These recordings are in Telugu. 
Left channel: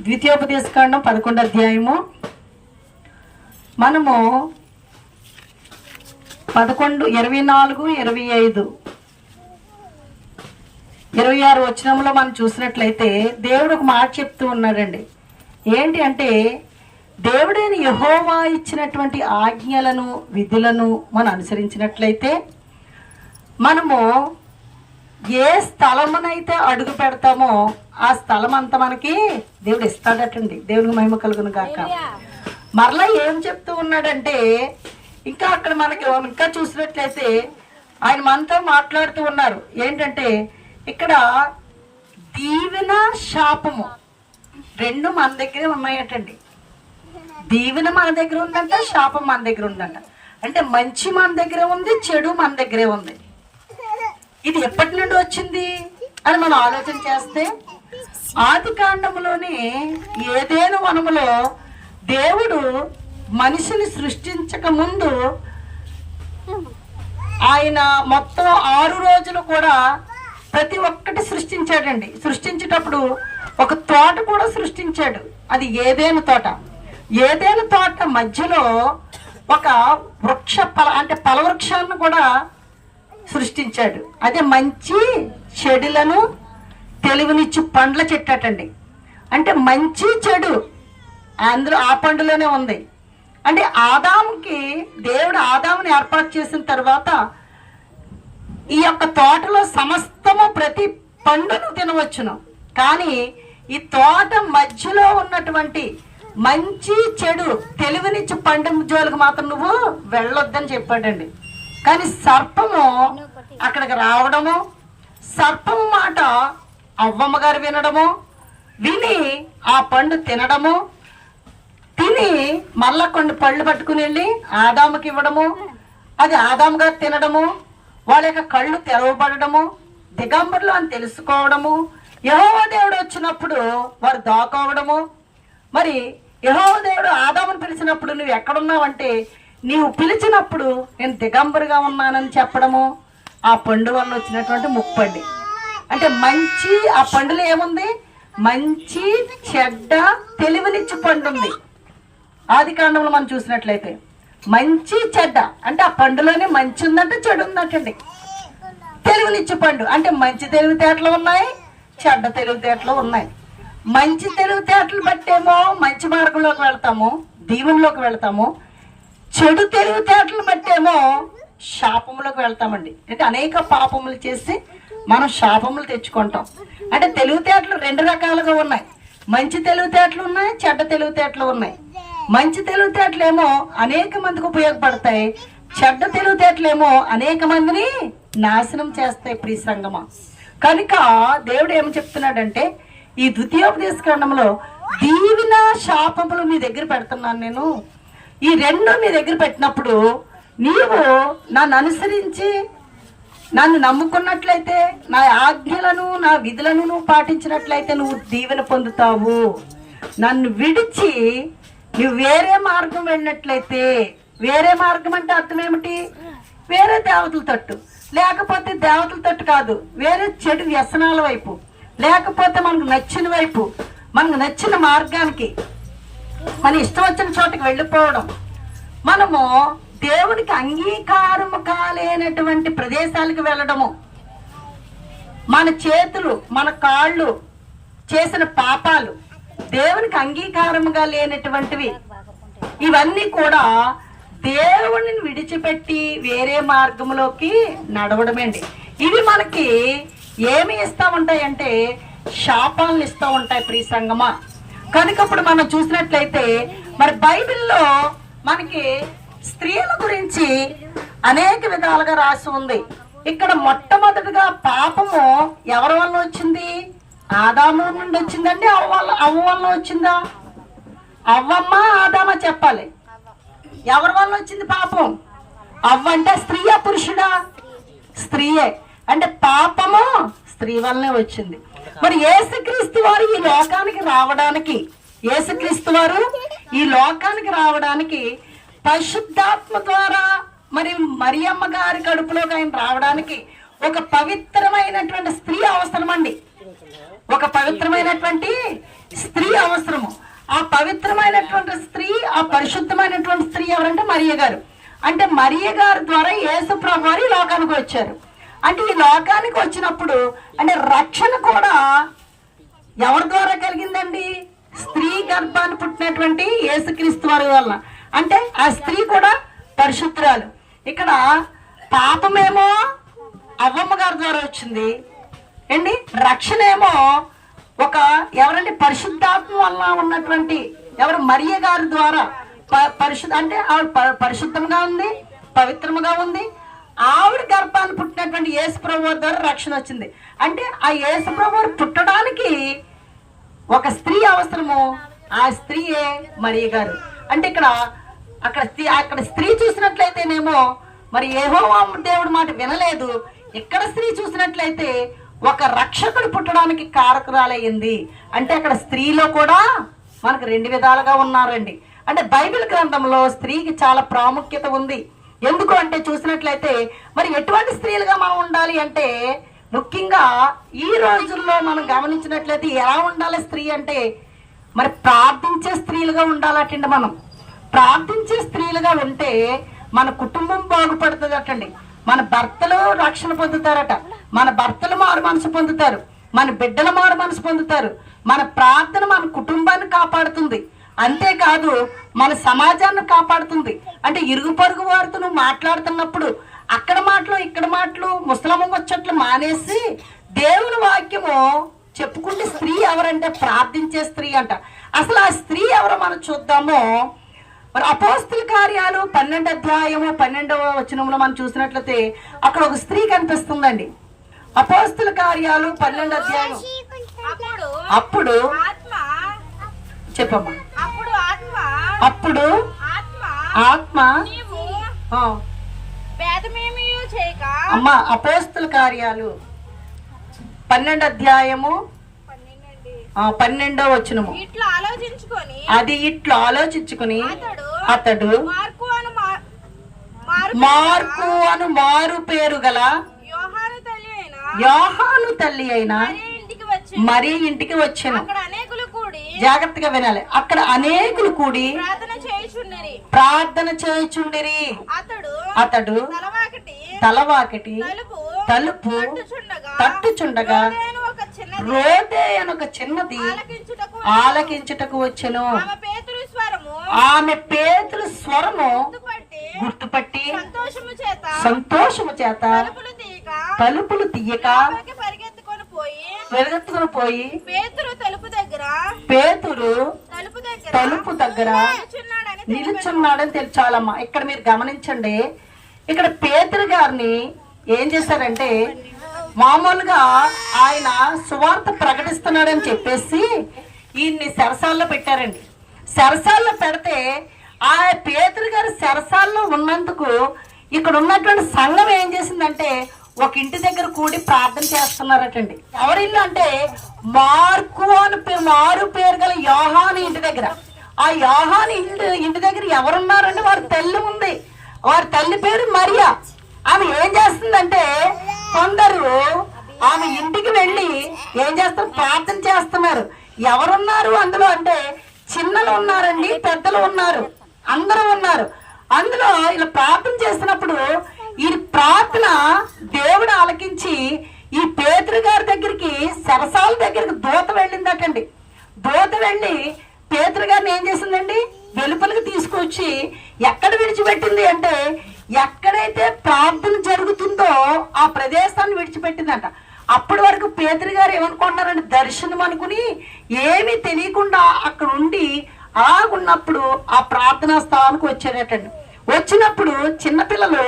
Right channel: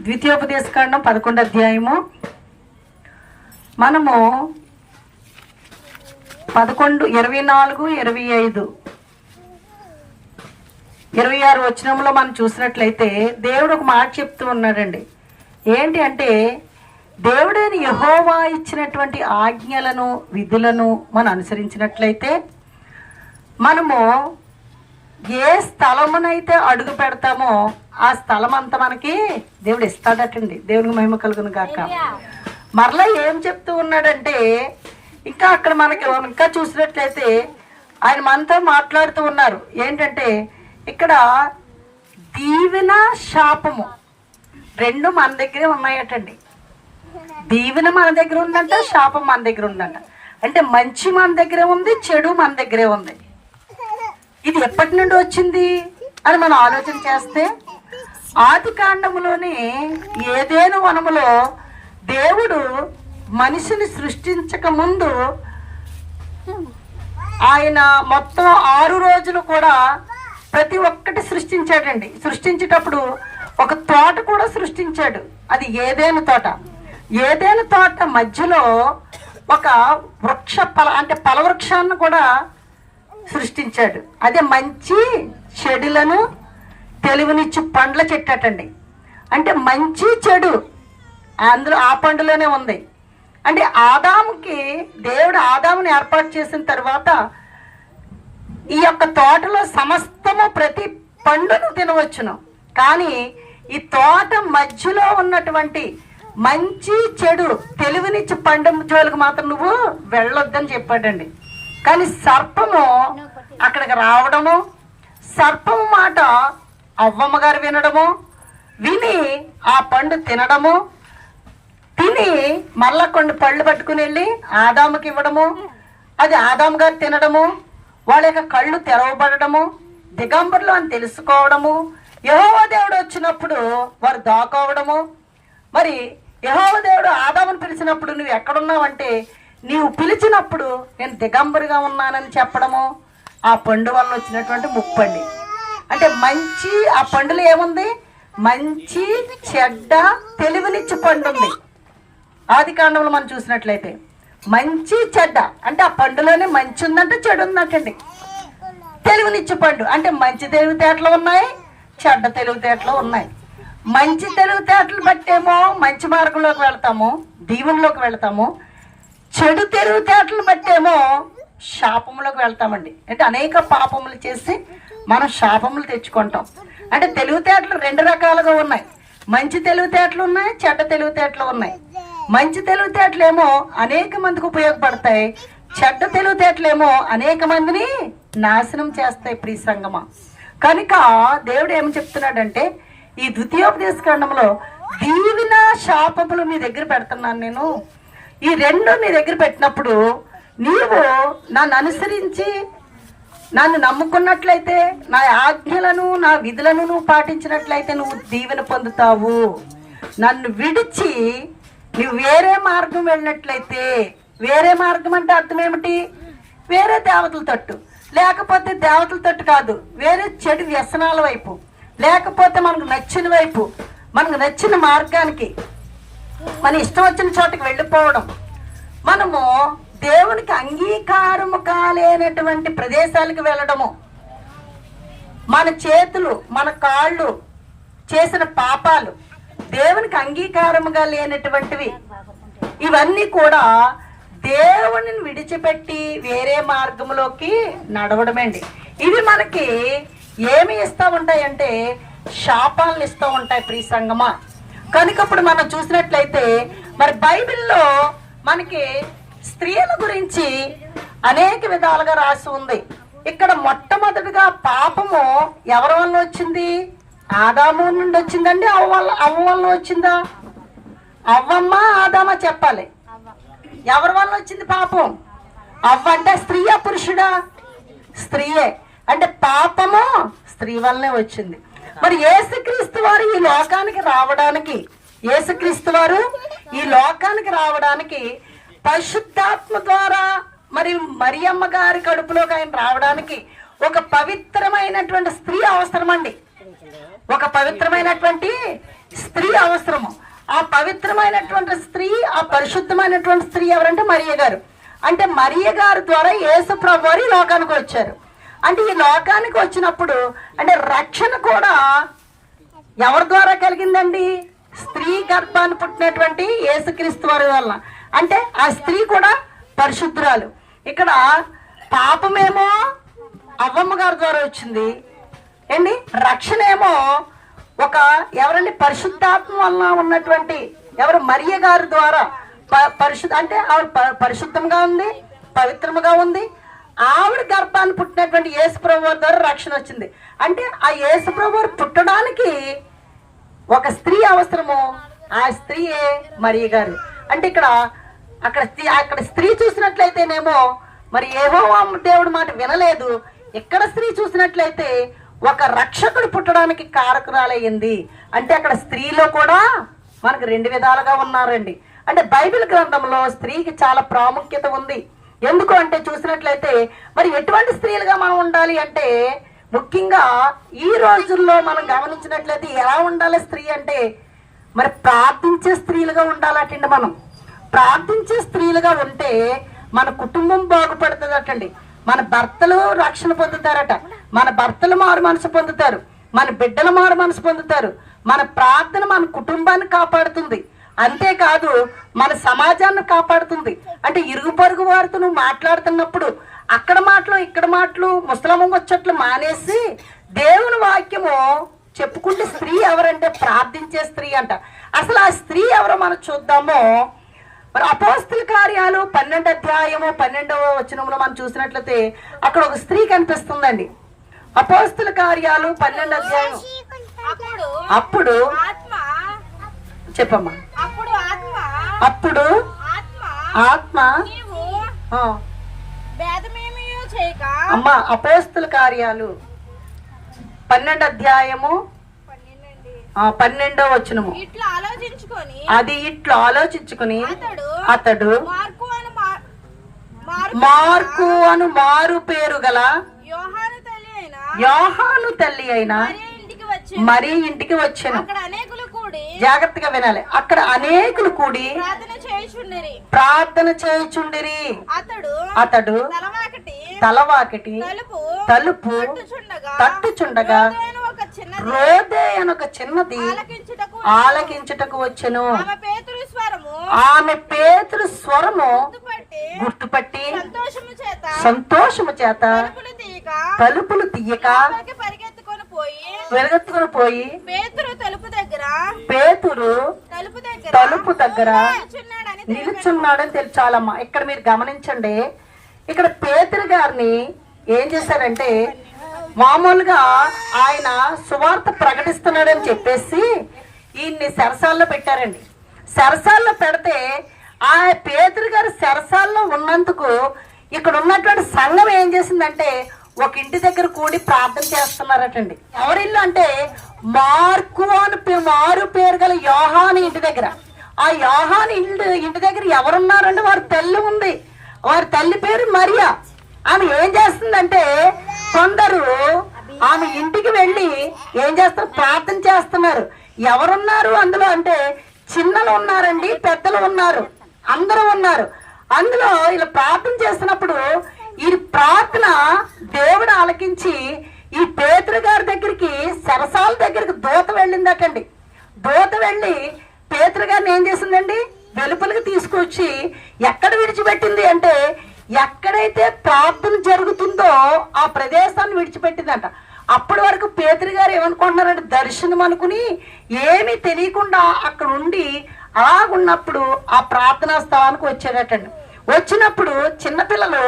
ద్వితీయోపదేశకాండం పదకొండు అధ్యాయము. మనము పదకొండు ఇరవై నాలుగు ఇరవై ఐదు. ఇరవై ఆరు వచనంలో మనం చూసినట్లయితే దేవుడు ఒక మాట చెప్తూ ఉన్నాడండి. ఏంటి అంటే దేవుడైన యహోవా ఇచ్చినటువంటి ఆజ్ఞలను విధులను మనం అనుసరించినట్లయితే మనము ఏ స్థలమునైతే అడుగు పెడతామో ఆ స్థలం అంతా మనకి దేవుడు ఇస్తాడటండి. దేవుడికి మహిమ కలుగును కాక మరలా ఏం చెప్తూ ఉన్నాడంటే ఇంకా అక్కడ మనకి ఇంకా చూసినట్లయితే ఆయన మనతో మాట్లాడుతూ ఉన్నారు. ఏంటంటే ఇక్కడ దీవెన శాపము రెండు మన దగ్గరే ఉన్నాయటండి. దీవెన మన దగ్గర ఉందంట శాపం మన దగ్గర ఉందంట. అంటే మంచి మన దగ్గరే ఉంది చెడు మన దగ్గరే ఉంది. ఇది ఎప్పటి నుండి వచ్చింది అని మనం ఆలోచన చేస్తే ఆది కాండములోని ఏదేను వనములో దేవుడు మనిషిని సృష్టించక ముందు ఆయన మొత్తం ఆరు రోజులు కూడా ప్రతి ఒక్కటి సృష్టించాడండి. సృష్టించేటప్పుడు ఒక తోట కూడా సృష్టించాడు. అది ఏదేను తోట? ఏదేను తోట మధ్యలో ఒక వృక్ష ఫల అంటే ఫలవృక్షాన్ని కూడా సృష్టించాడు. అదే మంచి చెడులను తెలివినిచ్చి పండ్ల చెట్టటండి. అంటే మంచి చెడు అందులో ఆ పండులోనే ఉంది. అంటే ఆదాముకి దేవుడు ఆదాముని ఏర్పాటు చేసిన తర్వాత ఈ యొక్క తోటలో సమస్తము ప్రతి పండును తినవచ్చును. కానీ ఈ తోట మధ్యలో ఉన్నటువంటి మంచి చెడు తెలివినిచ్చి పండు జోలికి మాత్రం నువ్వు వెళ్ళొద్దని చెప్పాడండి. కానీ సర్పము అక్కడికి రావడము సర్పం మాట అవ్వమ్మ గారు వినడము విని ఆ పండు తినడము తిని మళ్ళా కొన్ని పళ్ళు పట్టుకుని వెళ్ళి ఆదాముకి ఇవ్వడము అది ఆదాము గారు తినడము వాళ్ళ యొక్క కళ్ళు తెరవబడము దిగంబర్లు అని తెలుసుకోవడము యహోవ దేవుడు వచ్చినప్పుడు వారు దాకోవడము. మరి యహోవ దేవుడు ఆదామును పిలిచినప్పుడు నువ్వు ఎక్కడున్నావంటే నీవు పిలిచినప్పుడు నేను దిగంబరుగా ఉన్నానని చెప్పడము ఆ పండు వల్ల వచ్చినటువంటి ముప్పండి. అంటే మంచి ఆ పండులో ఏముంది? మంచి చెడ్డ తెలివినిచ్చి పండు ఉంది. ఆది కాండంలో మనం చూసినట్లయితే మంచి చెడ్డ. అంటే ఆ పండులోనే మంచి ఉందంటే చెడు ఉందంటండి. తెలివినిచ్చి పండు. అంటే మంచి తెలివితేటలు ఉన్నాయి చెడ్డ తెలివితేటలు ఉన్నాయి. మంచి తెలివితేటలు బట్టేమో మంచి మార్గంలోకి వెళ్తాము దీవుల్లోకి వెళ్తాము. చెడు తెలివితేటలు బట్టేమో శాపములకు వెళ్తామండి. అంటే అనేక పాపములు చేసి మనం శాపములు తెచ్చుకుంటాం. అంటే తెలివితేటలు రెండు రకాలుగా ఉన్నాయి. మంచి తెలివితేటలు ఉన్నాయి చెడ్డ తెలివితేటలు ఉన్నాయి. మంచి తెలివితేటలేమో అనేక మందికి ఉపయోగపడతాయి. చెడ్డ తెలివితేటలేమో అనేక మందిని నాశనం చేస్తాయి ప్రియ సంగమ. కనుక దేవుడు ఏం చెప్తున్నాడంటే ఈ ద్వితీయోపదేశ ఖండంలో దీవిన శాపములు మీ దగ్గర పెడుతున్నాను నేను. ఈ రెండు మీ దగ్గర పెట్టినప్పుడు నీవు నన్ను అనుసరించి నన్ను నమ్ముకున్నట్లయితే నా ఆజ్ఞలను నా విధులను నువ్వు పాటించినట్లయితే నువ్వు దీవెన పొందుతావు. నన్ను విడిచి నువ్వు వేరే మార్గం వెళ్ళినట్లయితే వేరే మార్గం అంటే అర్థం ఏమిటి? వేరే దేవతల తట్టు. లేకపోతే దేవతల తట్టు కాదు వేరే చెడు వ్యసనాల వైపు. లేకపోతే మనకు నచ్చిన వైపు మనకు నచ్చిన మార్గానికి. మన ఇష్టం వచ్చిన చోటకి వెళ్ళిపోవడం. మనము దేవునికి అంగీకారం కాలేనటువంటి ప్రదేశాలకు వెళ్ళడము. మన చేతులు మన కాళ్ళు చేసిన పాపాలు దేవునికి అంగీకారముగా లేనటువంటివి. ఇవన్నీ కూడా దేవుని విడిచిపెట్టి వేరే మార్గంలోకి నడవడమేండి. ఇవి మనకి ఏమి ఇస్తూ ఉంటాయంటే శాపాలను ఇస్తూ ఉంటాయి ప్రియ సంగమా. కనుక ఇప్పుడు మనం చూసినట్లయితే మరి బైబిల్లో మనకి స్త్రీల గురించి అనేక విధాలుగా రాసి ఉంది. ఇక్కడ మొట్టమొదటిగా పాపము ఎవరి వల్ల వచ్చింది? ఆదాము నుండి వచ్చిందండి. అవ్వ వల్ల అవ్వ వల్ల వచ్చిందా? అవ్వమ్మ ఆదామ చెప్పాలి. ఎవరి వల్ల వచ్చింది పాపం? అవ్వ అంటే స్త్రీయా పురుషుడా? స్త్రీయే. అంటే పాపము స్త్రీ వల్లనే వచ్చింది. మరి ఏసుక్రీస్తు వారు ఈ లోకానికి రావడానికి ఏసుక్రీస్తు వారు ఈ లోకానికి రావడానికి పరిశుద్ధాత్మ ద్వారా మరి మరియమ్మ గారి కడుపులోకి ఆయన రావడానికి ఒక పవిత్రమైనటువంటి స్త్రీ అవసరమండి. ఒక పవిత్రమైనటువంటి స్త్రీ అవసరము. ఆ పవిత్రమైనటువంటి స్త్రీ ఆ పరిశుద్ధమైనటువంటి స్త్రీ ఎవరంటే మరియ గారు. అంటే మరియ గారి ద్వారా యేసు ప్రభు వారు లోకానికి వచ్చారు. అంటే ఈ లోకానికి వచ్చినప్పుడు అంటే రక్షణ కూడా ఎవరి ద్వారా కలిగిందండి? స్త్రీ గర్భాన్ని పుట్టినటువంటి యేసుక్రీస్తు వారి వలన. అంటే ఆ స్త్రీ కూడా పరిశుద్ధురాలు. ఇక్కడ పాపమేమో అవ్వమ్మ గారి ద్వారా వచ్చింది. ఏంటి? రక్షణ ఏమో ఒక ఎవరండి? పరిశుద్ధాత్మ వలన ఉన్నటువంటి ఎవరు? మరియ గారి ద్వారా ప- పరిశుద్ధ అంటే ఆవిడ ప- పరిశుద్ధంగా ఉంది పవిత్రముగా ఉంది. ఆవిడ గర్భాన్ని పుట్టినటువంటి యేసుప్రభు ద్వారా రక్షణ వచ్చింది. అంటే ఆ యేసుప్రభు పుట్టడానికి ఒక స్త్రీ అవసరము ఆ స్త్రీయే మరీ గారు. అంటే ఇక్కడ అక్కడ స్త్రీ అక్కడ స్త్రీ చూసినట్లయితేనేమో మరి ఏహో దేవుడి మాట వినలేదు. ఇక్కడ స్త్రీ చూసినట్లయితే ఒక రక్షకుడు పుట్టడానికి కారకురాలయ్యింది. అంటే అక్కడ స్త్రీలో కూడా మనకు రెండు విధాలుగా ఉన్నారండి. అంటే బైబిల్ గ్రంథంలో స్త్రీకి చాలా ప్రాముఖ్యత ఉంది. ఎందుకు అంటే చూసినట్లయితే మరి ఎటువంటి స్త్రీలుగా మనం ఉండాలి అంటే ముఖ్యంగా ఈ రోజుల్లో మనం గమనించినట్లయితే ఎలా ఉండాలి స్త్రీ అంటే మరి ప్రార్థించే స్త్రీలుగా ఉండాలటండి మనం. ప్రార్థించే స్త్రీలుగా ఉంటే మన కుటుంబం బాగుపడుతుందటండి. మన భర్తలు రక్షణ పొందుతారట. మన భర్తలు మారు మనసు పొందుతారు. మన బిడ్డలు మారు మనసు పొందుతారు. మన ప్రార్థన మన కుటుంబాన్ని కాపాడుతుంది. అంతేకాదు మన సమాజాన్ని కాపాడుతుంది. అంటే ఇరుగు పొరుగు వారితో నువ్వు మాట్లాడుతున్నప్పుడు అక్కడ మాటలు ఇక్కడ మాటలు ముసలమ్మ వచ్చట్లు మానేసి దేవుని వాక్యము చెప్పుకుంటే స్త్రీ ఎవరంటే ప్రార్థించే స్త్రీ అంట. అసలు ఆ స్త్రీ ఎవరో మనం చూద్దాము. మరి అపోస్తుల కార్యాలు పన్నెండు అధ్యాయము పన్నెండవ వచనంలో మనం చూసినట్లయితే అక్కడ ఒక స్త్రీ కనిపిస్తుందండి. అపోస్తుల కార్యాలు పన్నెండు అధ్యాయం అప్పుడు చెప్పమ్మా. అప్పుడు ఆత్మ అమ్మ అపోస్తుల కార్యాలు. పన్నెండు అధ్యాయము. ఇట్లా ఆలోచించుకొని అది ఇట్లా ఆలోచించుకుని అతడు మార్కు అని మార్- మార్కు మార్కు అను మారు పేరు గల యోహాను తల్లి అయిన మరీ ఇంటికి వచ్చాను. జాగ్రత్తగా వినాలి. అక్కడ అనేకులు కూడి ప్రార్థన చేయుచుండిరి. చేయుచుండిరి. అతడు తలవాకటి తలుపు తట్టుచుండగా రోదే అనొక చిన్నది ఆలకించుటకు వచ్చెను. ఆమె పేతురు స్వరము గుర్తుపట్టి సంతోషము చేత సంతోషము చేత తలుపులు తీయక పరిగెత్తుకొని పోయి వెలుగెత్తుకుని పోయి పేతురు పేతురు తలుపు దగ్గర నిలుచున్నాడని తెలిచాలమ్మా ఇక్కడ మీరు గమనించండి. ఇక్కడ పేతురు గారిని ఏం చేశారంటే మామూలుగా ఆయన సువార్త ప్రకటిస్తున్నాడని చెప్పేసి ఈయన్ని సరసాల్లో పెట్టారండి. సరసాల్లో పెడితే ఆ పేతురు గారు సరసాల్లో ఉన్నందుకు ఇక్కడ ఉన్నటువంటి సంఘం ఏం చేసిందంటే ఒక ఇంటి దగ్గర కూడి ప్రార్థన చేస్తున్నారటండి. ఎవరిల్లు అంటే మార్కు అని మారు పేరు గల యోహాని ఇంటి దగ్గర. ఆ యోహాని ఇంటి ఇంటి దగ్గర ఎవరున్నారంటే వారి తల్లి ఉంది. వారి తల్లి పేరు మరియా. ఆమె ఏం చేస్తుందంటే కొందరు ఆమె ఇంటికి వెళ్ళి ఏం చేస్తారు? ప్రార్థన చేస్తున్నారు. ఎవరున్నారు అందులో? అంటే చిన్నలు ఉన్నారండి పెద్దలు ఉన్నారు అందరూ ఉన్నారు. అందులో ఇలా ప్రార్థన చేస్తున్నప్పుడు ఈ ప్రార్థన దేవుడు ఆలకించి ఈ పేతురు గారి దగ్గరికి సరసాల దగ్గరికి దూత వెళ్ళిందటండి. దూత వెళ్ళి పేతురు గారిని ఏం చేసిందండి? వెలుపలికి తీసుకొచ్చి ఎక్కడ విడిచిపెట్టింది అంటే ఎక్కడైతే ప్రార్థన జరుగుతుందో ఆ ప్రదేశాన్ని విడిచిపెట్టిందట. అప్పటి వరకు పేతురు గారు ఏమనుకుంటున్నారంటే దర్శనం అనుకుని ఏమీ తెలియకుండా అక్కడ ఉండి అలాగున్నప్పుడు ఆ ప్రార్థనా స్థలానికి వచ్చాడటండి వచ్చినప్పుడు చిన్నపిల్లలు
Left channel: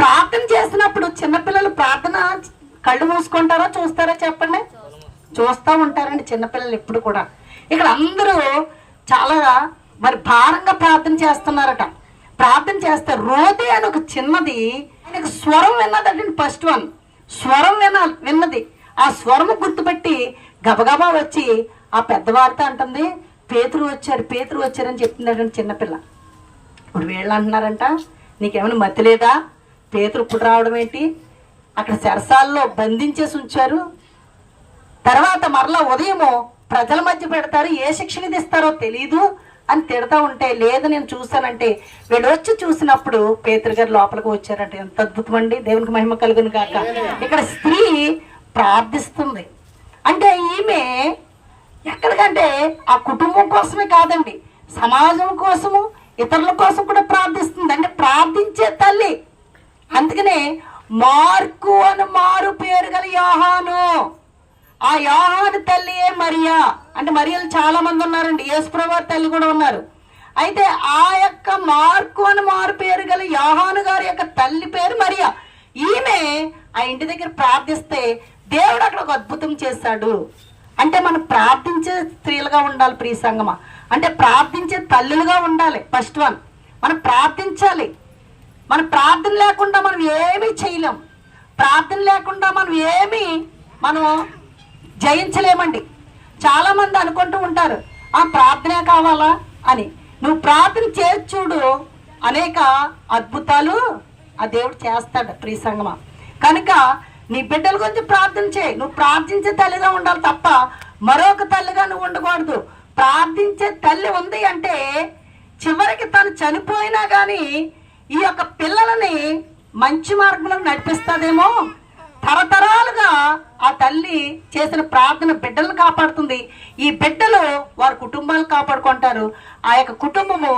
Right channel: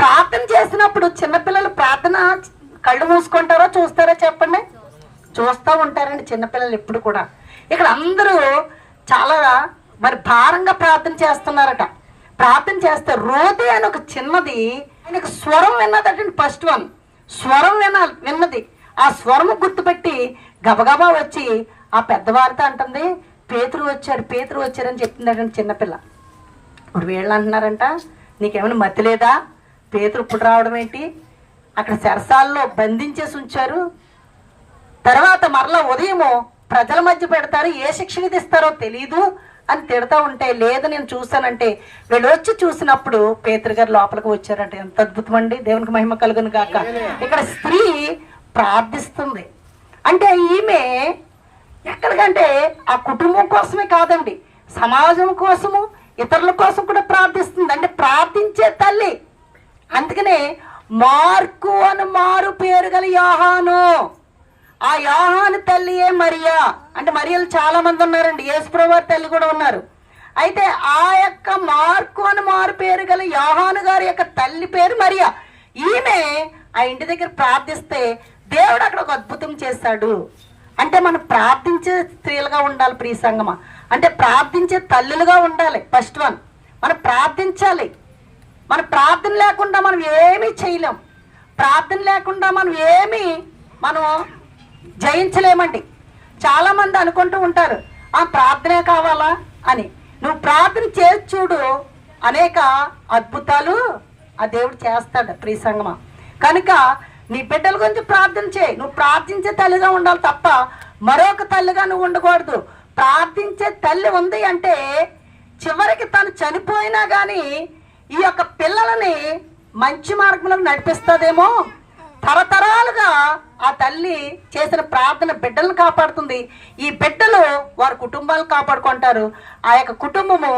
ప్రార్థన చేసినప్పుడు చిన్నపిల్లలు ప్రార్థన కళ్ళు మూసుకుంటారో చూస్తారో చెప్పండి? చూస్తూ ఉంటారండి చిన్నపిల్లలు ఎప్పుడు కూడా. ఇక్కడ అందరూ చాలా మరి భారంగా ప్రార్థన చేస్తున్నారట. ప్రార్థన చేస్తే రోదే అని ఒక చిన్నది ఆయనకు స్వరం విన్నదటండి ఫస్ట్ వన్ స్వరం విన విన్నది. ఆ స్వరము గుర్తుపెట్టి గబగబా వచ్చి ఆ పెద్దవారితో అంటుంది పేతురు వచ్చారు పేతురు వచ్చారని చెప్తున్నాడండి చిన్నపిల్ల. ఇప్పుడు వీళ్ళు అంటున్నారంట నీకేమైనా మతి లేదా? పేతురు ఇప్పుడు రావడం ఏంటి? అక్కడ సరసాల్లో బంధించేసి ఉంచారు. తర్వాత మరలా ఉదయము ప్రజల మధ్య పెడతారు ఏ శిక్ష విధిస్తారో తెలీదు అని తిడతా ఉంటే లేదు నేను చూస్తానంటే వీళ్ళు వచ్చి చూసినప్పుడు పేతురు గారు లోపలికి వచ్చారంటే ఎంత అద్భుతం అండి దేవునికి మహిమ కలుగును కాక ఇక్కడ స్త్రీ ప్రార్థిస్తుంది. అంటే ఈమె ఎక్కడికంటే ఆ కుటుంబం కోసమే కాదండి సమాజం కోసము ఇతరుల కోసం కూడా ప్రార్థిస్తుంది. అంటే ప్రార్థించే తల్లి అందుకనే మార్కు అని మారు పేరు గల యాహాను. ఆ యాహాను తల్లియే మరియా? అంటే మరియలు చాలా మంది ఉన్నారండి యేసుప్రభు తల్లి కూడా ఉన్నారు. అయితే ఆ యొక్క మార్కు అని మారు పేరు గల యాహాను గారి యొక్క తల్లి పేరు మరియా. ఈమె ఆ ఇంటి దగ్గర ప్రార్థిస్తే దేవుడు అక్కడ ఒక అద్భుతం చేశాడు అంటే మనం ప్రార్థించే స్త్రీలుగా ఉండాలి ప్రియ సంగమ. అంటే ప్రార్థించే తల్లులుగా ఉండాలి. First one. మనం ప్రార్థించాలి. మన ప్రార్థన లేకుండా మనం ఏమీ చేయలేం. ప్రార్థన లేకుండా మనం ఏమీ మనం జయించలేమండి. చాలా మంది అనుకుంటూ ఉంటారు ఆ ప్రార్థనే కావాలా? అని. నువ్వు ప్రార్థన చేసి చూడు. అనేక అద్భుతాలు ఆ దేవుడు చేస్తాడు ప్రియ సంగమ. కనుక నీ బిడ్డల గురించి ప్రార్థన చేయి. నువ్వు ప్రార్థించే తల్లిగా ఉండాలి తప్ప మరొక తల్లిగా నువ్వు ఉండకూడదు. ప్రార్థించే తల్లి ఉంది అంటే చివరికి తను చనిపోయినా కానీ ఈ యొక్క పిల్లలని మంచి మార్గంలో నడిపిస్తుందేమో తరతరాలుగా ఆ తల్లి చేసిన ప్రార్థన బిడ్డలను కాపాడుతుంది. ఈ బిడ్డలు వారి కుటుంబాలు కాపాడుకుంటారు. ఆ యొక్క కుటుంబము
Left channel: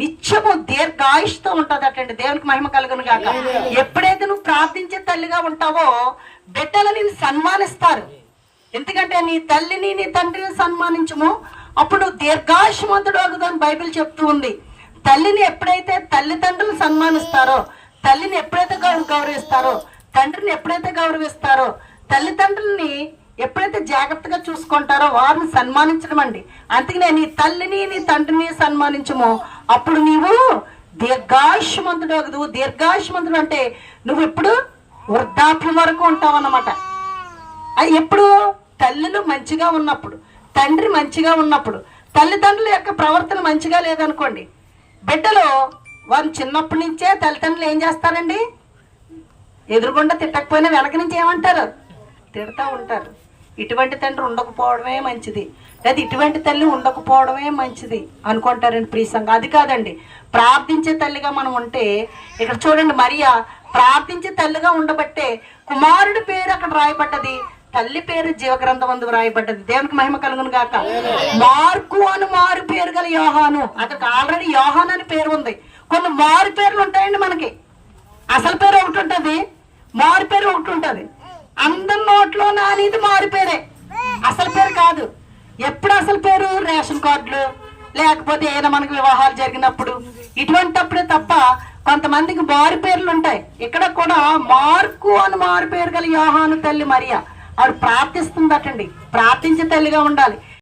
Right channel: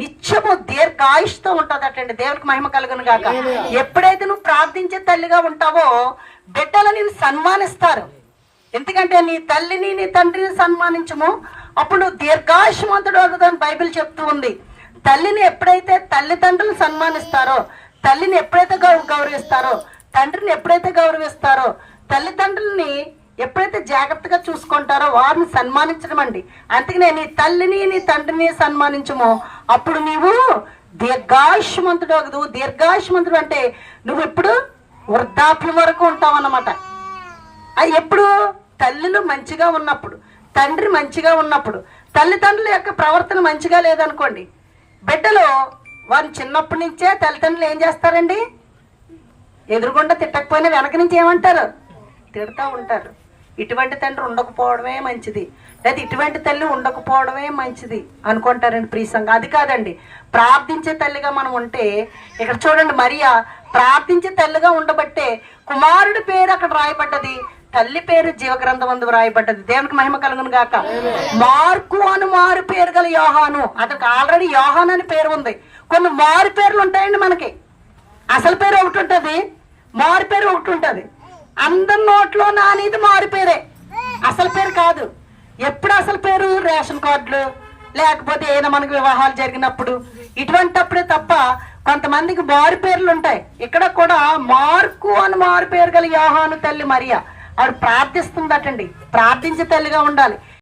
నిత్యము దీర్ఘాయుష్తో ఉంటుందటండి. దేవునికి మహిమ కలుగును కాక ఎప్పుడైతే నువ్వు ప్రార్థించే తల్లిగా ఉంటావో బిడ్డలు నిన్ను సన్మానిస్తారు. ఎందుకంటే నీ తల్లిని నీ తండ్రిని సన్మానించము. అప్పుడు నువ్వు దీర్ఘాయుష్మంతుడు అవుతుందని బైబిల్ చెప్తూ ఉంది. తల్లిని ఎప్పుడైతే తల్లిదండ్రులు సన్మానిస్తారో తల్లిని ఎప్పుడైతే గౌరవ గౌరవిస్తారో తండ్రిని ఎప్పుడైతే గౌరవిస్తారో తల్లిదండ్రుల్ని ఎప్పుడైతే జాగ్రత్తగా చూసుకుంటారో వారిని సన్మానించడం అండి. అందుకనే నీ తల్లిని నీ తండ్రిని సన్మానించము. అప్పుడు నీవు దీర్ఘాయుష్మంతుడు అగదు దీర్ఘాయుష్మంతుడు అంటే నువ్వు ఎప్పుడు వృద్ధాప్యం వరకు ఉంటావు అన్నమాట. అది ఎప్పుడు తల్లులు మంచిగా ఉన్నప్పుడు తండ్రి మంచిగా ఉన్నప్పుడు తల్లిదండ్రుల యొక్క ప్రవర్తన మంచిగా లేదనుకోండి బిడ్డలు వారిని చిన్నప్పటి నుంచే తల్లిదండ్రులు ఏం చేస్తారండి? ఎదురుగుండా తిట్టకపోయినా వెనక నుంచి ఏమంటారు? తిడతా ఉంటారు. ఇటువంటి తండ్రి ఉండకపోవడమే మంచిది. లేదా ఇటువంటి తల్లి ఉండకపోవడమే మంచిది అనుకుంటారండి ప్రీసంగా అది కాదండి. ప్రార్థించే తల్లిగా మనం ఉంటే ఇక్కడ చూడండి మరియా ప్రార్థించే తల్లిగా ఉండబట్టే కుమారుడి పేరు అక్కడ రాయబడ్డది. తల్లి పేరు జీవగ్రంథం అందు రాయబడ్డది దేవునికి మహిమ కలుగును గాక. మార్కు అని మారు పేరు గల యోహాను. అతనికి ఆల్రెడీ యోహాన్ అని పేరు ఉంది. కొన్ని మారు పేర్లు ఉంటాయండి మనకి. అసలు పేరు ఒకటి ఉంటది. మారు పేరు ఒకటి ఉంటది. అందరి నోట్లో నానిది మారు పేరే. అసలు పేరు కాదు. ఎప్పుడు అసలు పేరు? రేషన్ కార్డులు. లేకపోతే ఏదైనా మనకి వివాహాలు జరిగినప్పుడు. ఇటువంటప్పుడే తప్ప కొంతమందికి మారు పేర్లు ఉంటాయి. ఇక్కడ కూడా మార్కు అని మారు పేరు గల యోహాను తల్లి మరియా. ఆవిడ ప్రార్థిస్తుందటండి. ప్రార్థించే తల్లిగా ఉండాలి.